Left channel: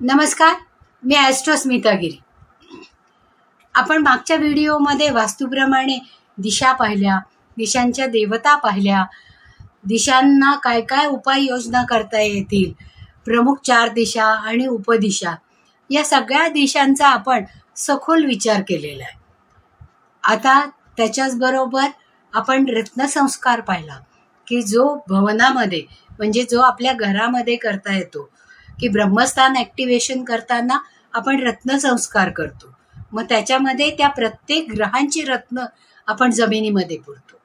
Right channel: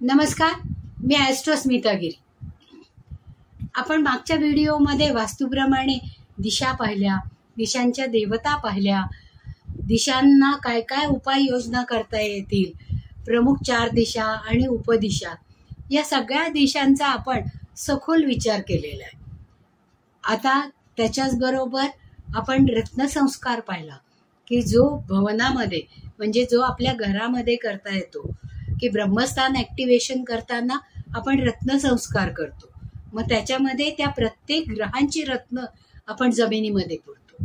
नमस्कार, मी ॲस्ट्रो स्मिता गिरी. आपण मागच्या व्हिडिओमध्ये वास्तूप्रमाणे दिशा पाहिल्या, दिशांच्या देवता पाहिल्या, दिशांना काय काय उपाययोजना करता येतील, प्रमुख 4 दिशा आणि उपदिशा, या सगळ्या दिशांचा आपण सखोल विचार केलेला आहे. आता त्याच्याच बरोबर आपण रत्नसंस्कार पाहिला की जो भवनामध्ये म्हणजे जो आपल्या घरामध्ये करता येतो, की ब्रह्मस्थान ॲक्टिवेशन करताना आपण रत्नसंस्कार करतो. मग त्याच्यामध्ये त्या प्रत्येक ग्रहांची रत्न आपण जमिनीमध्ये पुरतो.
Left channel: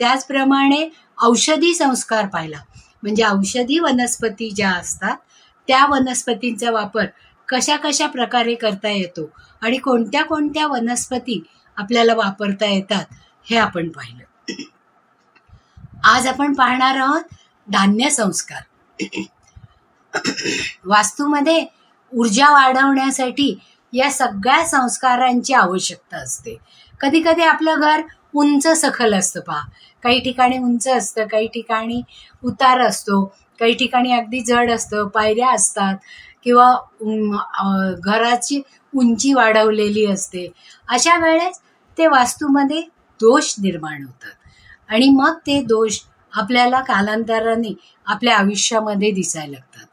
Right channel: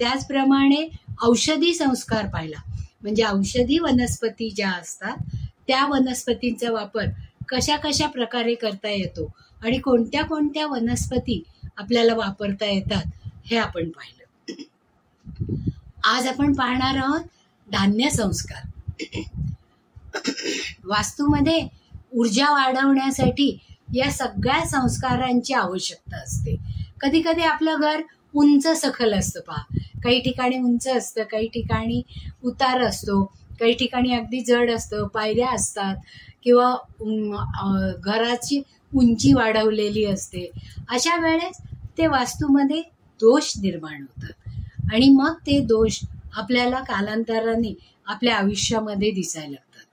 त्याचप्रमाणे औषधी संस्कार पाहिला, म्हणजे औषधी वनस्पती ज्या असतात त्या वनस्पतींचा वापर कशा कशा प्रकारे करता येतो आणि कोणत्या कोणत्या वनस्पती आपल्याला वापरता येतात हे आपण पाहिलं. आज आपण पाहणार आहोत धान्य संस्कार. वास्तूमध्ये ऊर्जा वाढवण्यासाठी या सगळ्या संस्कारांची आवश्यकता असते. कधी कधी आपलं घर उंच सखल असतं, पहा, काही ठिकाणी उंच असतं, काही ठिकाणी उतार असतो, काही ठिकाणी अगदी जड असतं, पायऱ्या असतात किंवा घराची उंची वाढवलेली असते. अशा वेळेस ते वास्तूमध्ये दोष निर्माण होतात आणि मग ते दोष आपल्याला कालांतराने आपल्या आयुष्यामध्ये दिसायला लागतात.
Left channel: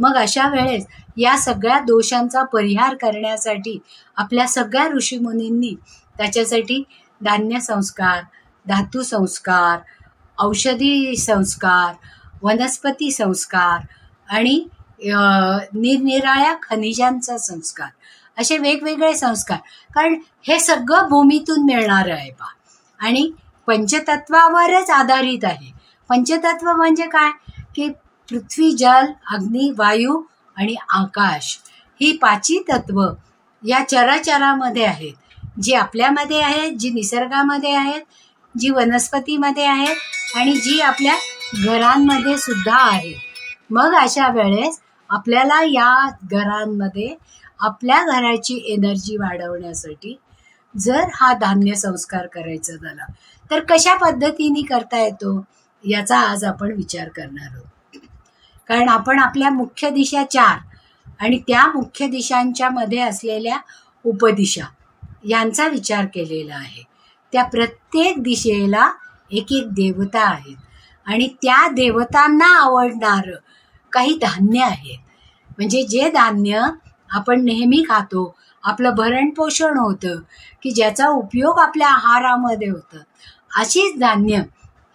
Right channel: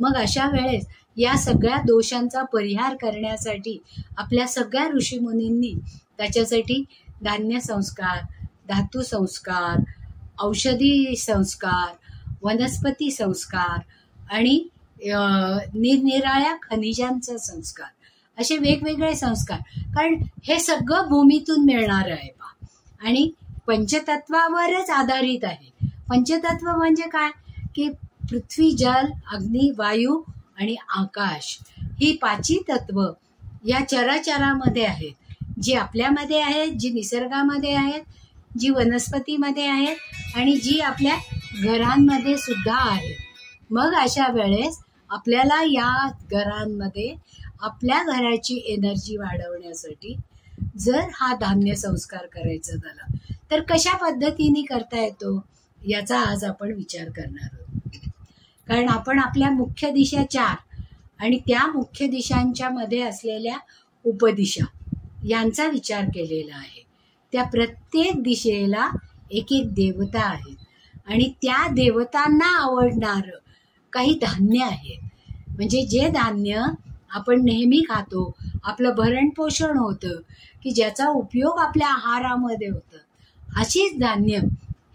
मग अशा वेळेस या सगळ्या दोषांचा परिहार करण्यासाठी आपल्या सगळ्या ऋषीमुनींनी त्याच्यासाठी धान्य संस्कार, धातू संस्कार, औषधी संस्कार, वनस्पती संस्कार आणि निरनिराळ्या खनिजांचा संस्कार, असे वेगवेगळे संस्कार, कारण हे सगळं भूमीतून मिळणार आहे पहा आणि पंचतत्वावरच आधारित आहे. पंचतत्व म्हणजे काय, की पृथ्वी, जल, अग्नी, वायू आणि आकाश ही 5 तत्व या चराचरामध्ये आहेत, जी आपल्यामध्ये आहेत, जी निसर्गामध्ये आहेत, जी वनस्पतीमध्ये आहेत आणि जी आपल्या घरांमध्ये सुद्धा आहेत. मग अशा वेळेस आपल्याला या घरांमध्ये आपल्या घराची एनर्जी वाढवण्यासाठी जर हा धान्य संस्कार करायचा झाला तर कशा पद्धतीने करता येतो याचा आज आपण विचार करणार आहोत. कारण आपण आपल्या मुख्य दिशा 4 आणि त्या मुख्य दिशांच्या मध्ये असलेल्या उपदिशा यांचा विचार केलेला आहे. त्या प्रत्येक दिशेला एक एक देवता आहेत आणि त्या देवतांना आवडणारं काही धान्य आहे. म्हणजे जे धान्य आपण नेहमी खातो, आपलं भरण पोषण होतं, की ज्याचा उपयोग आपल्या आहारामध्ये होतं, अशीच धान्य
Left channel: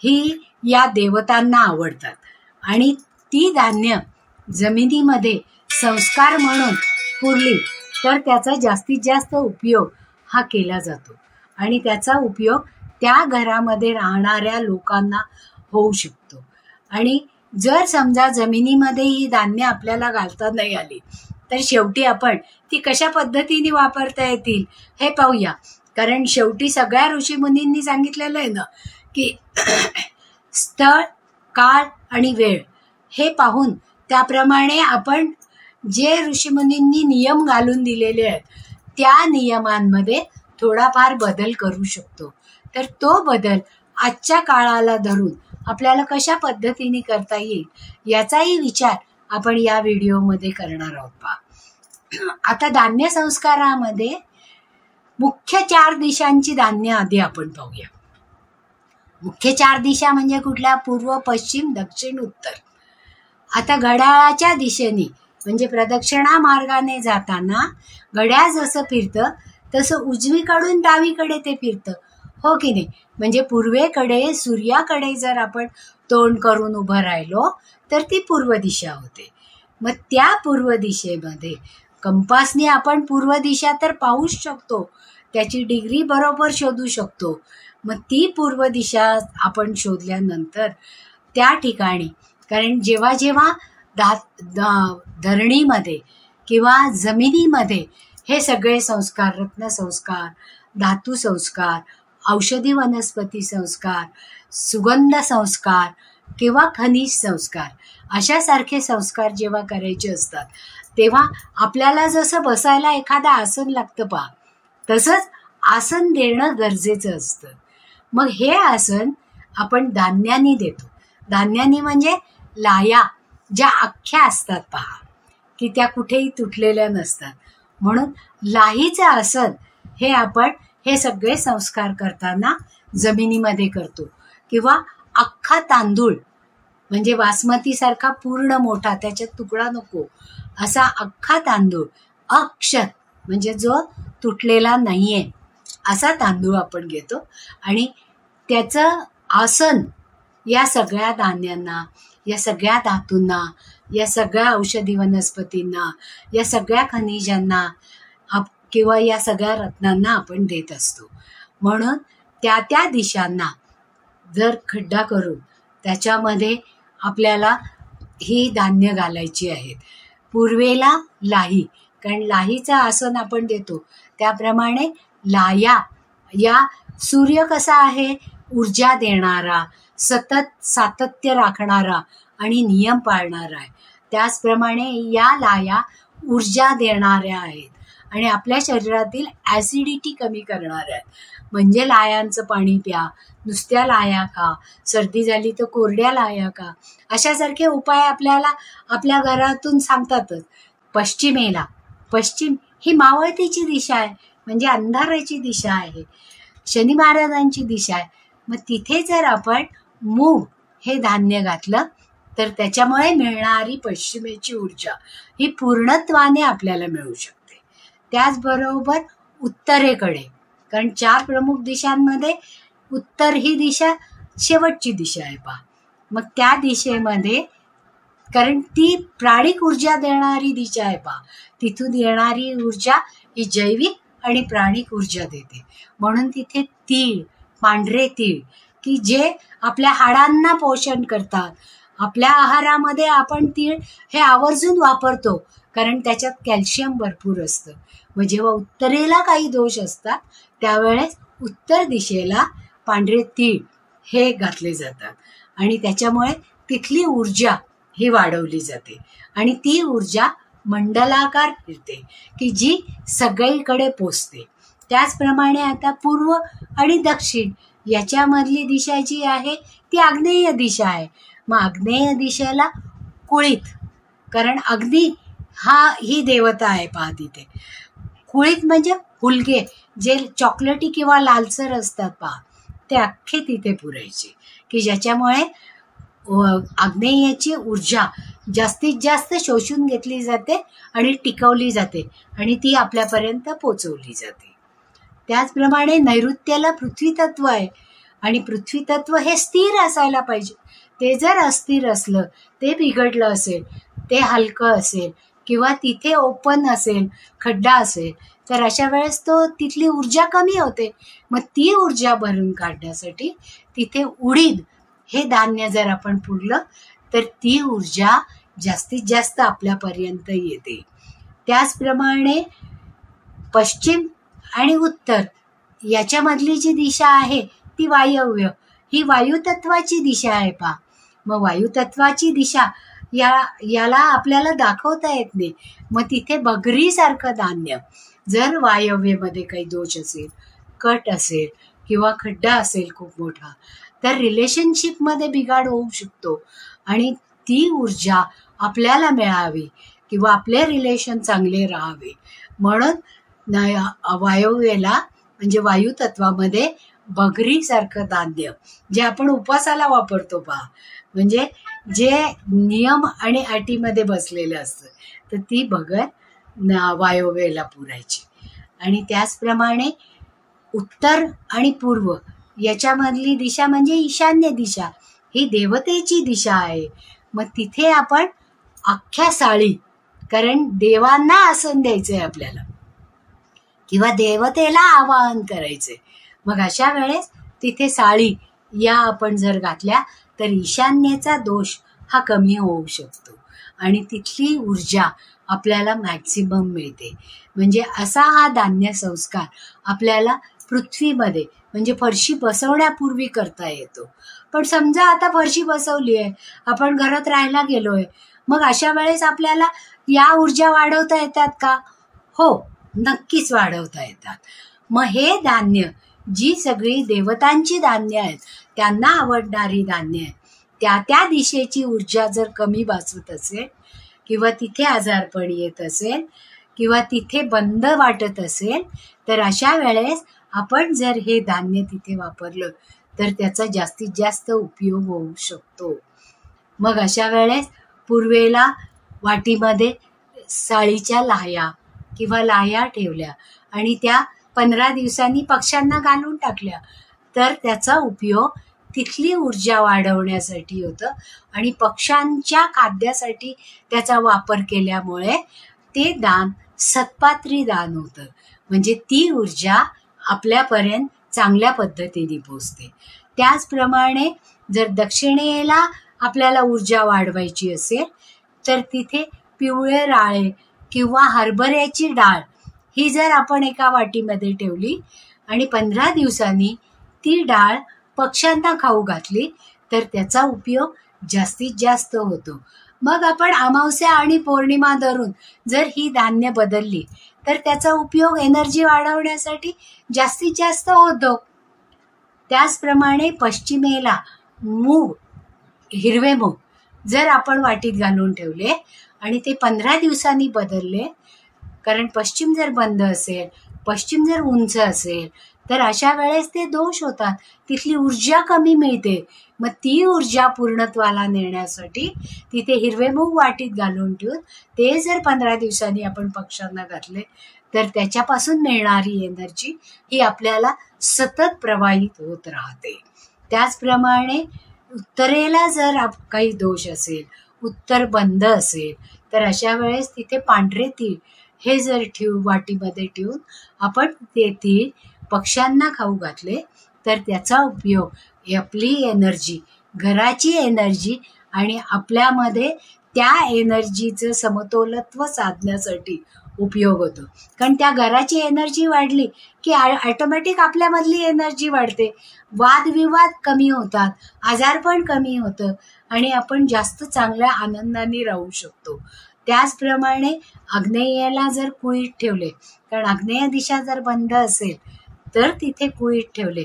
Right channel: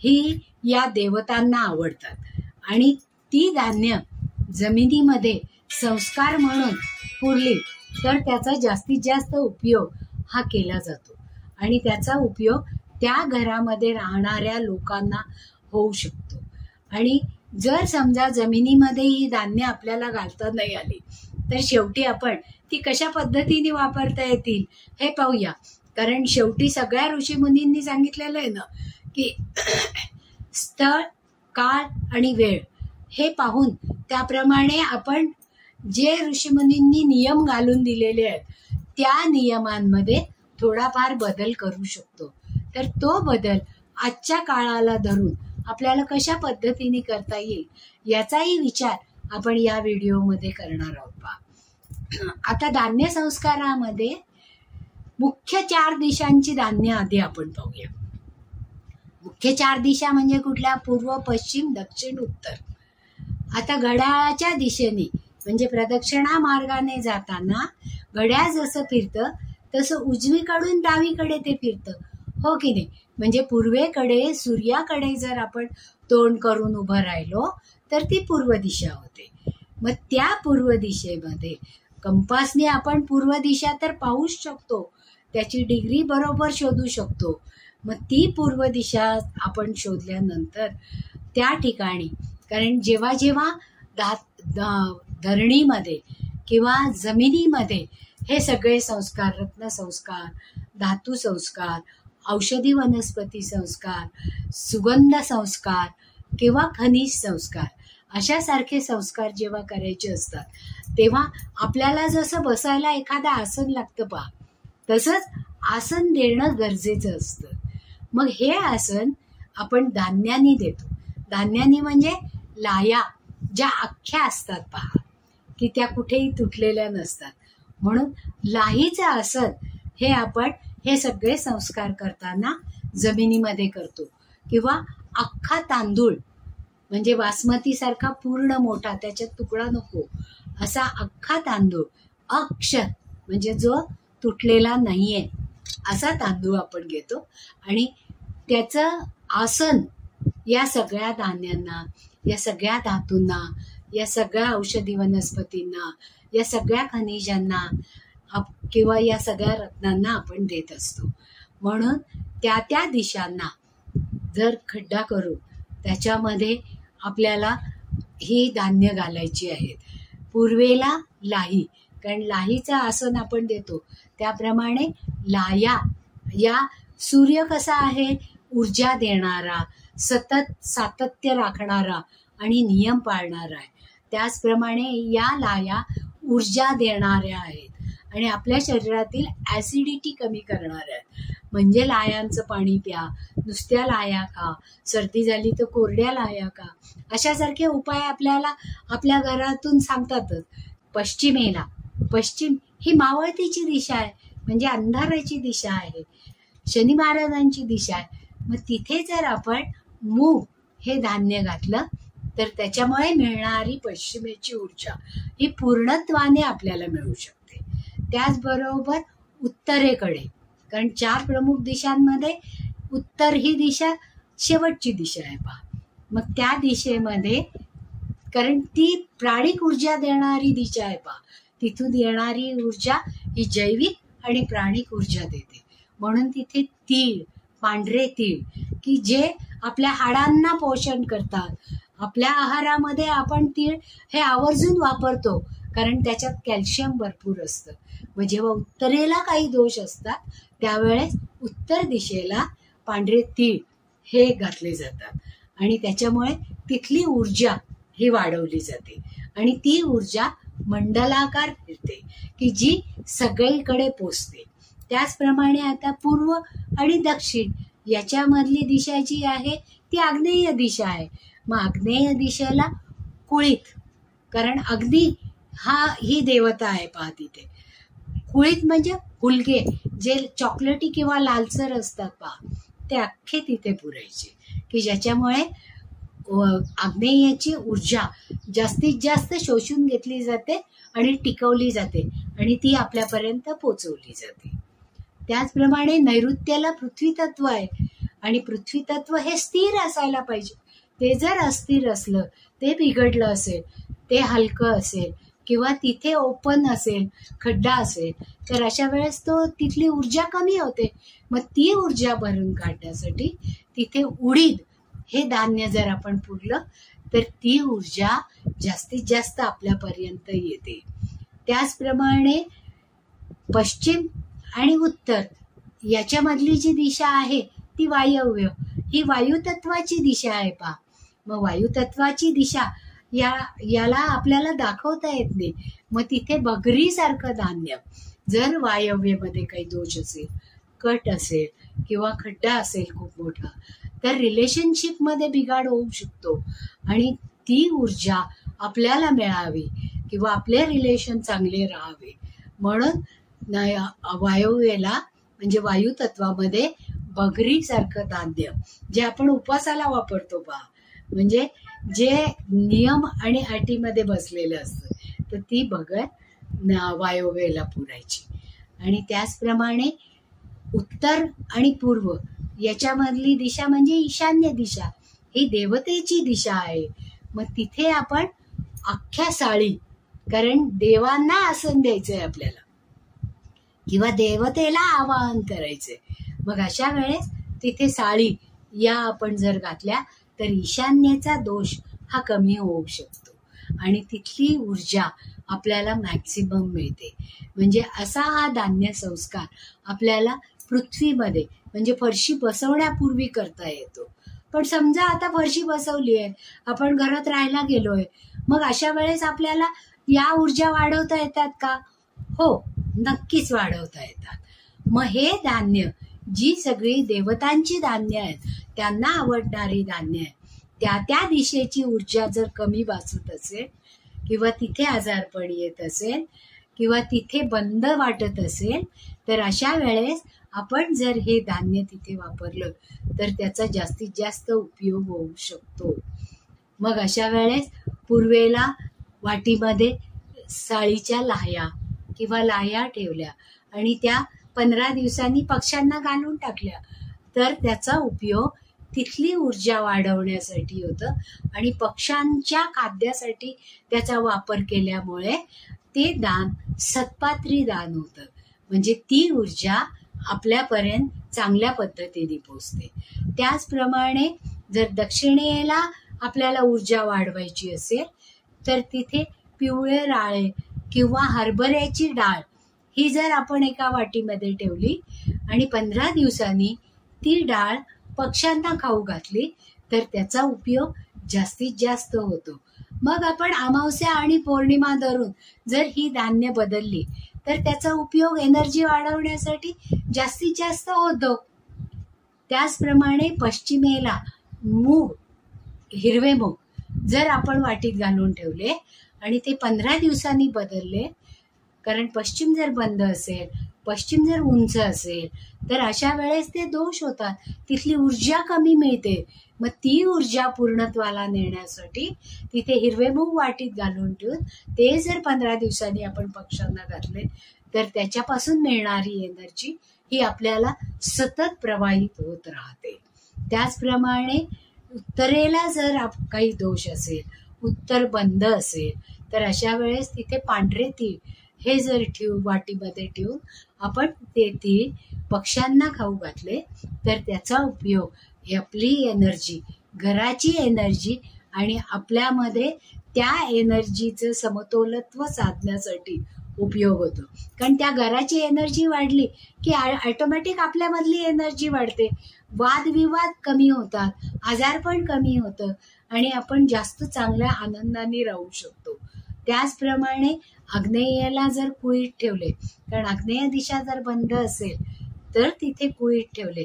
ही या देवतांना आवडतात आणि ती धान्य जमिनीमध्ये संस्कार म्हणून पुरली तर त्याचा जास्तीत जास्त उपयोग हा केला जातो आणि त्याचा उपयोग त्या घरामध्ये राहणाऱ्या लोकांना होऊ शकतो. आणि जर समजा जमिनीमध्ये ही धान्य आपल्याला घालता नाही आली तर शेवटी आपण ती कशा पद्धतीने वापरता येतील हे पाहूया. कारण शेवटी सगळ्या ऋषीमुनींनी सांगितलेलं आहे ना, की स्थळ, काळ आणि वेळ हे पाहून त्याप्रमाणे आपण जे ऋषीमुनींनी नियम घालून दिलेले आहेत त्या नियमांमध्ये थोडाफार बदल करू शकतो. तर तो बदल आजच्या काळाला धरून आपल्याला कशा पद्धतीने करता येईल याचाही विचार आपण या व्हिडिओमध्ये करणार आहोत. पहा, आता धान्य संस्कारामध्ये मुख्य 4 दिशांची धान्य आधी आपण पाहूया. मुख्य 4 दिशा म्हणजे कुठल्या? पूर्व, पश्चिम, दक्षिण, उत्तर. आता घड्याळाच्या दिशेने म्हणजे प्रदक्षिणा मार्गाने जाताना घड्याळ जसं फिरतं तसं उजवीकडून डावीकडे ते फिरतं, हो की नाही? म्हणजे पूर्वेकडे सूर्याकडे जर आपण तोंड करून उभं राहिलो तर ती पूर्व दिशा होते. मग त्या पूर्व दिशेमध्ये कंपासने आपण पूर्व दिशा तर पाहूच शकतो, त्याची डिग्री बरोबर शोधू शकतो. मग ती पूर्व दिशा आपण शोधल्यानंतर त्या ठिकाणी, कारण जेव्हा जेव्हा धरणीमध्ये किंवा जमिनीमध्ये हे सगळे संस्कार, रत्नसंस्कार, धातू संस्कार, औषधी वनस्पती संस्कार, सुगंध संस्कार किंवा खनिज संस्कार अशासारखे संस्कार जेव्हा करायचे असतात तेव्हा आपल्याला जसं बसायला एखादं आसन लागतं पहा, तसंच आसन देणं गरजेचं असतं. मग हे आसन आपण धान्यानी देतो. धान्यानी म्हणजे लाया ज्या अख्ख्या असतात पहा, की त्या कुठेही तुटलेल्या नसतात. म्हणून लाहीचं आसन हे आपण हे सगळे संस्कार करताना जमिनीमध्ये करतो. किंवा अख्खा तांदूळ म्हणजे बासमतीसारखा पूर्ण मोठा, त्याच्यात तुकडा नको असा अख्खा तांदूळ, अक्षत म्हणजे जो तुटलेला नाहीये असा तांदूळ आपण घेतो आणि त्याचं आसन या सगळ्या धान्यांना, या सगळ्या धातूंना, या सगळ्या औषधी वनस्पतींना, या सगळ्या खनिजांना किंवा या सगळ्या रत्नांना आपण देत असतो. म्हणून त्या त्या दिशांना जर खड्डा करून त्याच्यामध्ये आपल्याला ही धान्य घालायची आहेत. पूर्वेला लाही, कारण लाहीचं आसन आपण देतो त्याप्रमाणे लाया या सूर्य कसा आहे, ऊर्जा देणारा, सतत सातत्य राखणारा आणि नियम पाळणारा आहे, त्याचप्रमाणे या लाया ऊर्जा देणाऱ्या आहेत आणि आपल्या शरीरातील ॲसिडिटी कमी करणाऱ्या आहेत. म्हणजे लायांचं पाणी प्या, नुसत्या लाया का, सर्दी झाली तर कोरड्या लाया का, अशासारखे उपाय आपल्याला आपल्या घरातून सांगतातच. पश्चिमेला, पश्चिम ही मावळतीची दिशा आहे, म्हणजे अंधाराची दिशा आहे, शनी महाराजांची दिशा आहे. मग तिथे जर आपण मूग हे धान्य घातलं तर त्याच्यामुळे मिळणारी पश्चिमेची ऊर्जा ही पूर्णत्वाने आपल्याला मिळू शकते. त्याचबरोबर उत्तरेकडे, कारण 4 प्रमुख दिशांमध्ये उत्तर ही दिशा शेवटची दिशा आहे पहा. मग त्या दिशेमध्ये, कारण ती प्राणिक ऊर्जा देणारी दिशा आहे पहा, तिथून येणारी ऊर्जा ही जैविक आणि प्राणिक ऊर्जा देते. म्हणून तिथे तीळ, पांढरे तीळ की जे आपल्या हाडांना पोषण करतात. आपल्या आहारामध्ये आपण तीळ हे आवर्जून वापरतो कारण त्याच्यात कॅल्शियम भरपूर असतं. मग जेव्हा उत्तरेला काही दोष असतात त्यावेळेस उत्तर दिशेला पांढरे तीळ हे घातले जातात आणि त्याच्यामुळे तिथली ऊर्जा ही वाढवली जाते आणि ती ऊर्जा मंडलाकार फिरते की जी सगळीकडे पोचते. त्याचप्रमाणे आता पूर्व आणि दक्षिण याच्यामधली दिशा जी आहे ती आग्नेय दिशा आहे. मग आग्नेय दिशेला कुळीत, कारण अग्नी ही देवता आहे पहा तिथे. कुळीत म्हणजे फुलगे जे चॉकलेटी किंवा लालसर असतात पहा, ते अख्खे तिथे पुरायचे की ज्याच्यामुळे आग्नेयाची ऊर्जा जास्तीत जास्त शोषून घेतली जाते आणि टिकवली जाते आणि ती आपल्यापर्यंत पोचवली जाते. त्याचप्रमाणे नैऋत्याला पृथ्वी तत्व आहे आणि पृथ्वी तत्व हे स्थिर असायला पाहिजे. ते जर अस्थिर असलं, ते बिघडलं असेल, ते हलकं असेल किंवा तिथे ओपन असेल, खड्डा असेल, तर अशा वेळेस तिथली ऊर्जा कमी होते. मग ती ऊर्जा भरून काढण्यासाठी तिथे उडीद हे धान्य जर आपण पुरलं तर ती ऊर्जा जास्तीत जास्त आपल्यापर्यंत येते. त्याचप्रमाणे पश्चिम आणि उत्तर याच्यामधली जी दिशा आहे ती वायव्य, ही वायुतत्वाची दिशा आहे पहा. मग वायुतत्वाची दिशा याला आपल्याला दाखवता येत नाही. मग तिथे बगरीसारखं धान्य जर वायव्यमध्ये काही दोष असेल, कट असेल किंवा खड्डा असेल खूप मोठा, तर रिलेशनशिपमध्ये बिघाड होऊ शकतो आणि ती ऊर्जा आपल्याला मिळावी किंवा आपले रिलेशन चांगले राहावे म्हणून वायव्येला म्हणजे वायुतत्वामध्ये बगरीसारखं धान्य जे आपण उपवासाला वापरतो पहा, म्हणजे जे नियम आणि अटीमध्ये बसलेलं असतं, तर ती बगर वायव्येला पुरायची. आणि त्याचप्रमाणे उत्तर आणि पूर्व याच्यामधली दिशा म्हणजे ईशान्य दिशा, ही देवतेची दिशा आहे. मग तिथे आपण अख्ख्या साळी, कारण देवांना आसन द्यायचंय आपल्याला किंवा देवतेला आवाहन करायचंय, मग अशा वेळेस तिथे साळी या आपण जर घातल्या तर ईशान्येचा दोष हा कमी होऊ शकतो आणि तिथली ऊर्जा आपल्याला मॅक्सिमम मिळते. म्हणजे असा हा धान्य संस्कार आपल्याला पृथ्वीमध्ये म्हणजे फरशी बसवण्यापूर्वी करता येतो. पण समजा आता फरशी बसवली आहे, आपण घरात राहायला गेलोय, मग अशा वेळेस आपल्याला या ऊर्जा वाढवता येतात का? हो, नक्कीच वाढवता येतात. मग हे धान्य जी सगळी देवतांची धान्य आहेत, त्यांना आवडणारी धान्य आहेत, त्या त्या दिशेची ऊर्जा जर कमी बसत असेल किंवा तिथे आजारपण येत असेल किंवा तिथे बंद वाटत असेल, तर अशा वेळेस आपण जर हे धान्य तिथे वापरलं तर त्याचा जास्तीत जास्त उपयोग होऊ शकतो. मग अशा वेळेस पूर्वेला वाटीमध्ये साळीच्या लाह्या किंवा लाह्या ठेवल्या आणि त्या 15 दिवसांनी पक्ष्यांना घालून टाकल्या, तर त्याचा उपयोग तिथली ऊर्जा वाढवण्यासाठी होतं आणि पक्ष्यांच्या खाद्यासाठी त्याचा वापर केल्यामुळे ते दान सत्पात्री दान होतं. म्हणजे ती ऊर्जा आपल्यापर्यंत चांगल्या पद्धतीने पोचते. त्याचप्रमाणे जर दक्षिणेला आपल्याला ऊर्जा वाढवायची असेल तर तिथे पिवळे राळे किंवा हरभऱ्याची डाळ ही जर आपण एका वाटीमध्ये ठेवली आणि 15 दिवसांनी ती डाळ पक्ष्यांना खाऊ घातली तर त्याचा उपयोग जास्तीत जास्त होतो. मग आपण अमावस्या आणि पौर्णिमा धरून जर ही धान्य बदलली तर त्याचा उपयोग एनर्जी वाढवण्यासाठी जास्तीत जास्त होतो. त्याचप्रमाणे पश्चिमेला मूग, हिरवे मूग जर आपण वाटीत घालून ठेवले आणि ते 15 दिवसांनी बदलले, कारण पश्चिम जर बंद असेल, पश्चिम जर उंच असेल तर अशा वेळेस ते दोष होतात, तिथली ऊर्जा कमी मिळते. मग ती ऊर्जा पूर्णत्वाला नेण्यासाठी तिथे हिरवे मूग वाटीत घालून ठेवून ते जर 15 दिवसांनी आपण पक्ष्यांना घातले तर त्याच्यापासून मिळणारी एनर्जी ही आपल्याला सतत प्रवाहित होत राहते. त्याचप्रमाणे उत्तरेला जर काही दोष असेल, उत्तर बंद असेल, तर अशा वेळेस तिथे पांढरे तीळ हे जर वाटीमध्ये ठेवून आपण ते तीळ पक्ष्यांना खाऊ घातले तर त्याचा उपयोग आपली एनर्जी, घराची एनर्जी आणि आपल्यामध्ये त्या एनर्जीचं समतोलत्व साधण्यासाठी उपयोग होतो. कारण त्या घराची एनर्जी वाढली की ऑटोमॅटिक आपल्यामधली एनर्जी वाढते, वादविवाद कमी होतात, आजारपण कमी होतं आणि आपण जास्त चांगल्या आनंदाने राहू शकतो. त्याचप्रमाणे आग्नेयाला जर कुळीत ठेवले, कारण आग्नेय दिशा जर बंद असेल तर तिथे कुळीत ठेवले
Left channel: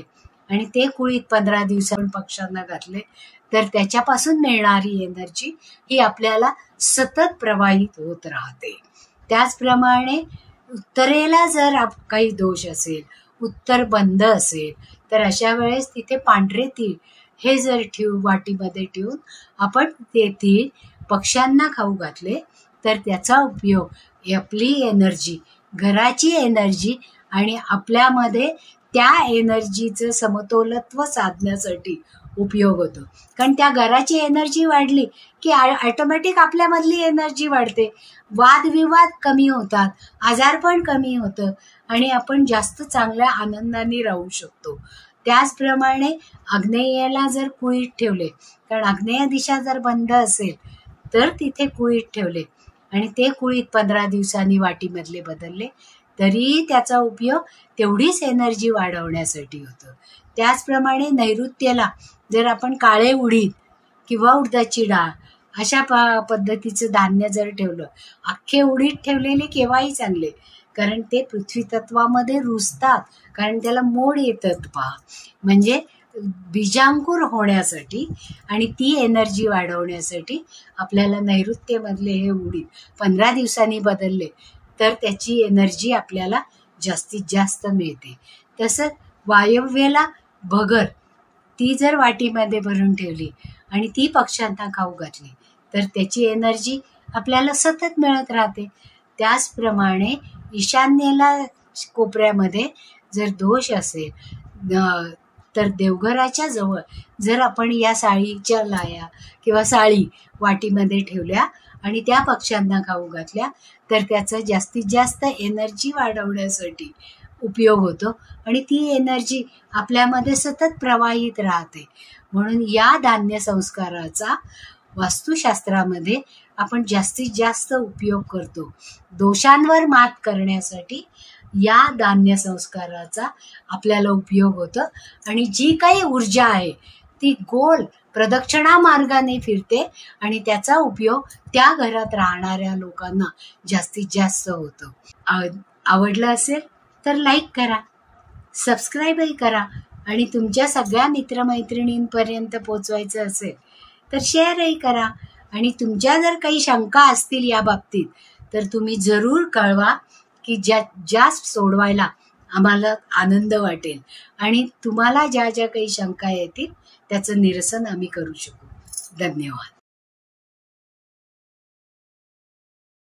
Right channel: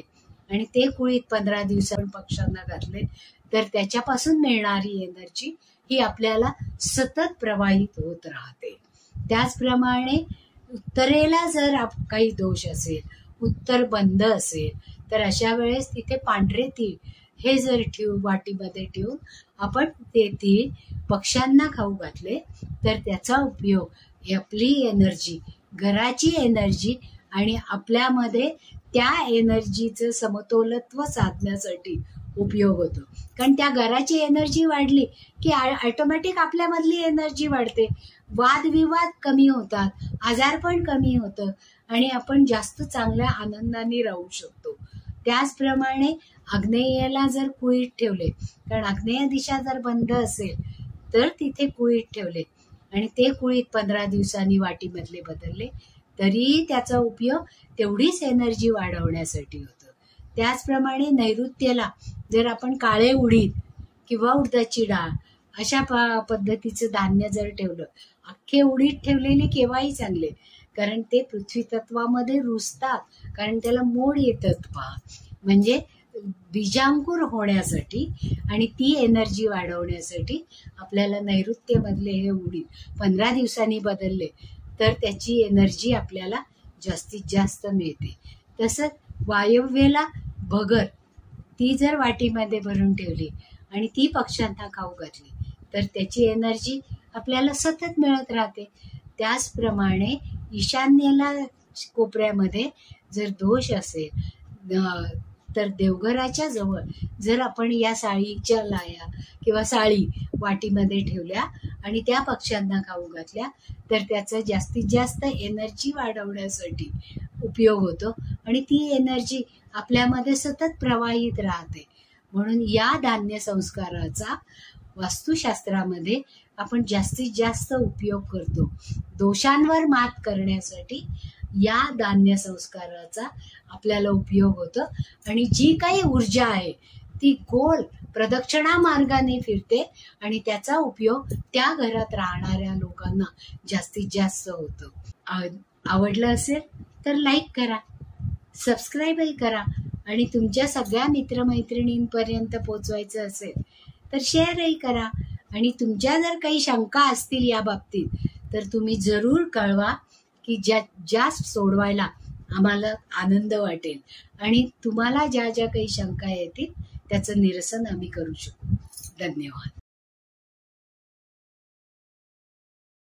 आणि ते कुळीत 15 दिवसांनी पक्ष्यांना घातले तर त्याच्यापासून मिळणारी एनर्जी ही आपल्याला सतत प्रवाहित होत राहते. त्याचप्रमाणे उत्तरेला जर काही दोष असेल, उत्तर बंद असेल, तर अशा वेळेस तिथे पांढरे तीळ हे जर वाटीमध्ये ठेवून आपण ते तीळ पक्ष्यांना खाऊ घातले तर त्याचा उपयोग आपली एनर्जी, घराची एनर्जी आणि आपल्यामध्ये त्या एनर्जीचं समतोलत्व साधण्यासाठी उपयोग होतो. कारण त्या घराची एनर्जी वाढली की ऑटोमॅटिक आपल्यामधली एनर्जी वाढते, वादविवाद कमी होतात, आजारपण कमी होतं आणि आपण जास्त चांगल्या आनंदाने राहू शकतो. त्याचप्रमाणे आग्नेयाला जर कुळीत ठेवले, कारण आग्नेय दिशा जर बंद असेल तर तिथे कुळीत ठेवले आणि ते कुळीत 15 दिवसांनी वाटीमधले बदलले तरी त्याचा उपयोग तेवढीच एनर्जी वाढवण्यासाठी होतो. त्याचप्रमाणे नैऋत्येला जर आपण काळे उडीद किंवा उडदाची डाळ अशा पद्धतीचं धान्य जर ठेवलं, अख्खे उडीद ठेवलेले केव्हाही चांगले, कारण ते पृथ्वी तत्वामध्ये रुजतात, कारण त्याला मोड येतात पहा, म्हणजे बीजांकुर होण्यासाठी आणि ती एनर्जी वाढवण्यासाठी आपल्याला नैऋत्यमधले हे उडीद 15 दिवसांनी बदलले तर त्याची एनर्जी आपल्याला जास्तीत जास्त मिळते. तसंच वायव्येला भगर ती जर वाटीमध्ये भरून ठेवली आणि ती पक्ष्यांना खाऊ घातली तर त्याची एनर्जी आपल्याला सतत मिळत राहते. त्याचप्रमाणे ईशान्येला कोपऱ्यामध्ये जर दोष असेल तर देवघराच्या जवळ जर आपण या साळीच्या लाया किंवा साळी वाटीमध्ये ठेवल्या आणि त्या पक्ष्यांना खाऊ घातल्या तर त्याचा जास्तीत जास्त एनर्जी वाढवण्यासाठी उपयोग होतो आणि ती एनर्जी आपल्यामध्ये सतत प्रवाहित राहते. म्हणून या धान्य संस्काराचा वास्तुशास्त्रामध्ये आपण जास्तीत जास्त उपयोग करतो. दोषांवर मात करण्यासाठी या धान्य संस्काराचा आपल्याला उपयोग होतो आणि जी काही ऊर्जा आहे ती गोल प्रदक्षिणा मार्गाने फिरते आणि त्याचा उपयोग त्या घरात राहणाऱ्या लोकांना जास्तीत जास्त होतो. आवडलं असेल तर लाईक करा, सबस्क्राईबही करा आणि तुमच्या सगळ्या मित्रमैत्रिणींपर्यंत पोचवायचं असेल तर शेअरही करा. आणि तुमच्या जर काही शंका असतील या बाबतीत तर तुम्ही जरूर कळवा, की ज्या सोडवायला आम्हाला आनंद वाटेल आणि तुम्हाला ज्या ज्या काही शंका येतील त्याचं निरसन आम्ही करू शकू. धन्यवाद.